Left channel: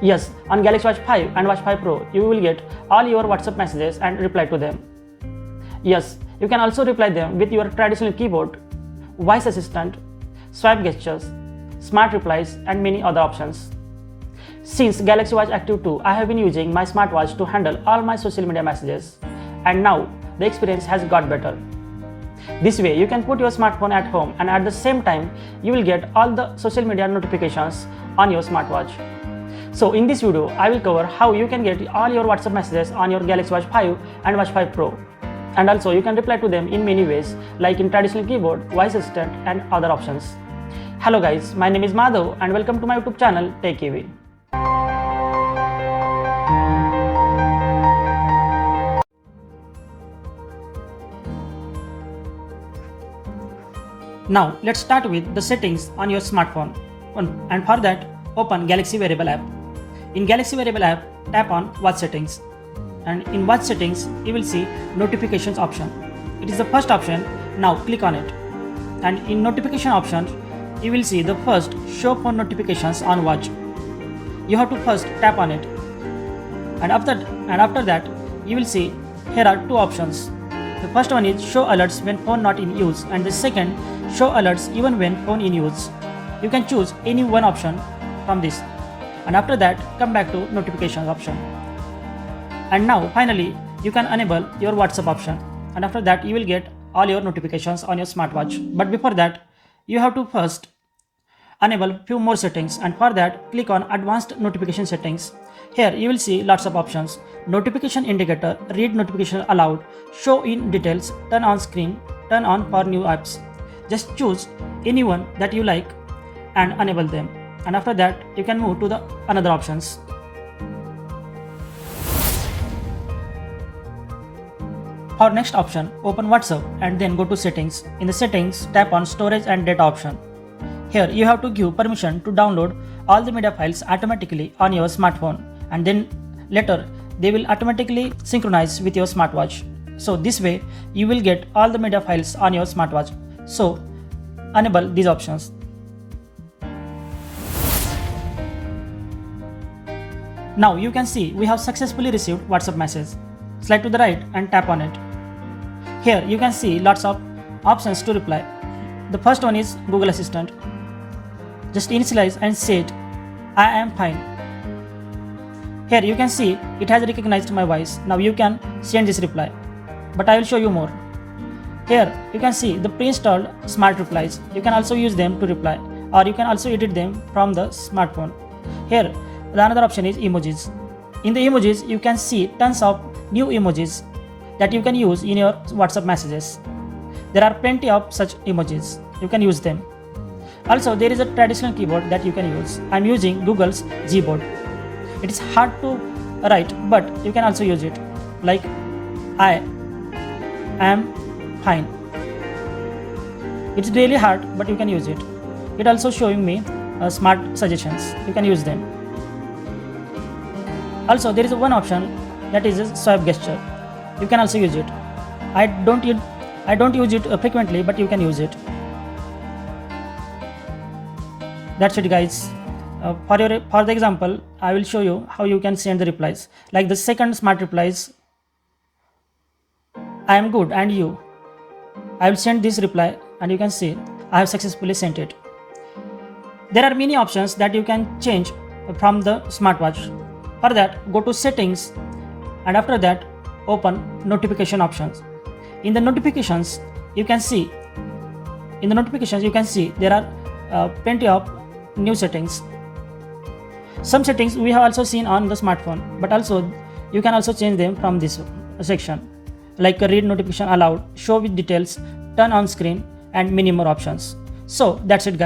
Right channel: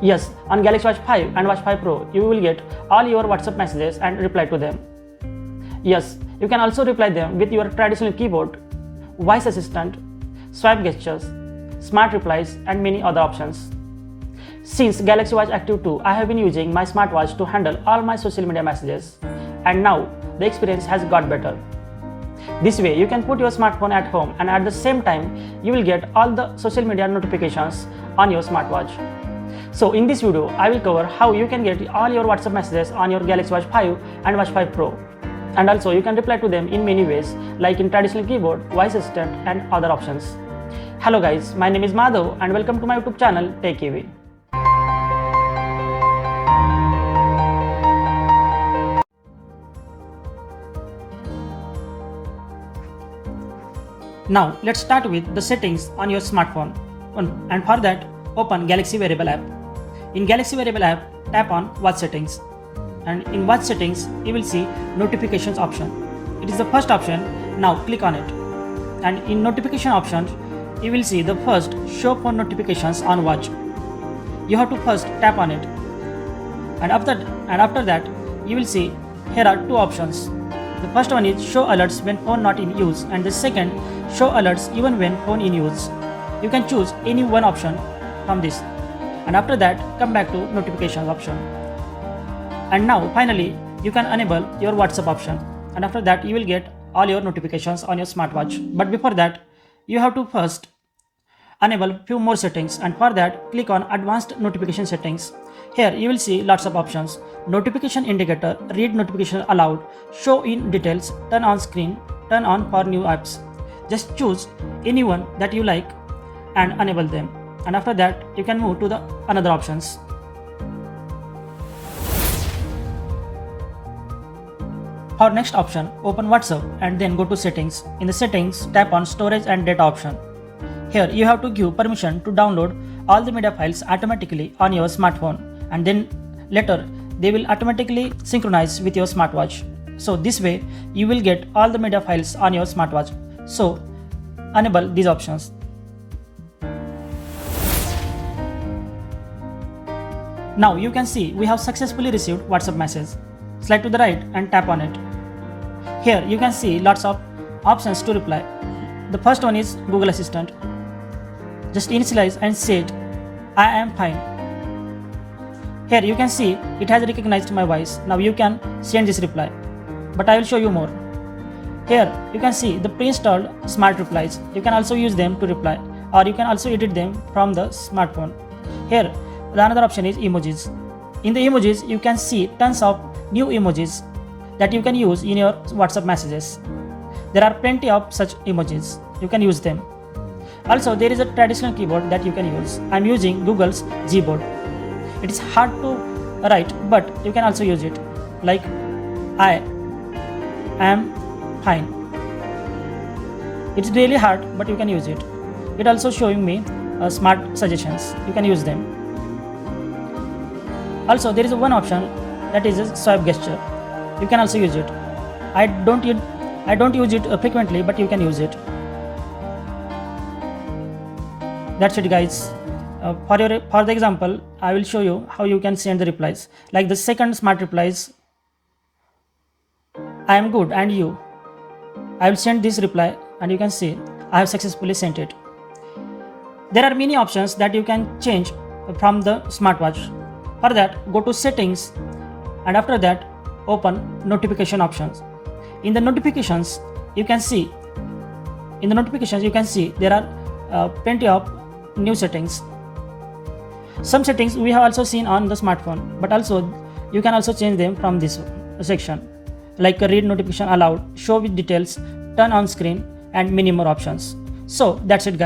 Yes, on Galaxy Watch 5 and Watch 5 Pro, you will get all your WhatsApp messages and reply to them. Yes, you can also reply them with your traditional keyboard, voice assistant, swipe gestures, smart replies, and many other options. Since Galaxy Watch Active 2, I have been using my smartwatch to handle all my social media messages, and now the experience has got better. This way, you can put your smartphone at home, and at the same time, you will get all the social media notifications on your smartwatch. So in this video, I will cover how you can get all your WhatsApp messages on your Galaxy Watch 5 and Watch 5 Pro. And also you can reply to them in many ways, like in traditional keyboard, voice assistant, and other options. Hello guys, my name is Madhav and welcome to my YouTube channel Tech AV. Now let's start with the settings on your smartphone. And for that, open Galaxy Wearable app. In Galaxy Wearable app, tap on Watch Settings. And in Watch Settings, you will see Notifications option. It is the first option. Now click on it. And in Notification option, you will see the first Show Phone Notifications on Watch. You have to first tap on it. And after that, you will see here are two options. The first one is Show Alerts when phone not in use, and the second, Show Alerts even when phone in use. You can choose any one option from this. And after that, come back to Notifications option. And now finally, you can enable your WhatsApp option. And after that, you will get all your notifications on your smartwatch. But before that, you have to first enable few more settings, and for that, click on Advanced Notification Settings. Here you will see lots of options: Notification Indicator, Read Notification Aloud, Show in Details, Turn on Screen, Turn on for new apps. Just choose any one that you like and enable them. And after that, you can move to the another options. For next option, open WhatsApp and then go to Settings. In the Settings, tap on Storage and Data option. Here you have to give permission to download all the media files automatically on your smartphone, and then later they will automatically synchronize with your smartwatch. So this way you will get all the media files on your smartwatch. So enable these options. Now you can see we have successfully received WhatsApp message. Slide to the right and tap on it. Here you can see lots of options to reply. The first one is Google Assistant. Just initialize and say it, I am fine. Here you can see it has recognized my voice. Now you can send this reply, but I will show you more. Here you can see the pre-installed smart replies. You can also use them to reply, or you can also edit them from the smartphone. Here the another option is Emojis. In the Emojis you can see tons of new emojis that you can use in your WhatsApp messages. There are plenty of such emojis. You can use them. Also, there is a traditional keyboard that you can use. I am using Google's Gboard. It is hard to write, but you can also use it. Like, I am fine. It's really hard, but you can use it. It also showing me smart suggestions. You can use them. Also, there is one option that is a swipe gesture. You can also use it. I don't use it frequently, but you can use it. That's it, guys. For the example, I will show you how you can send the replies. Like the second smart replies, I am good and you. I will send this reply and you can see I have successfully sent it. There are many options that you can change from the smartwatch. For that, go to Settings and after that, open Notification options. In the notifications, you can see there are plenty of new settings. Some settings we have also seen on the smartphone, but also you can also change them from this section, like Read Notification Aloud, Show with Details, Turn on Screen, and many more options. So that's it, guys.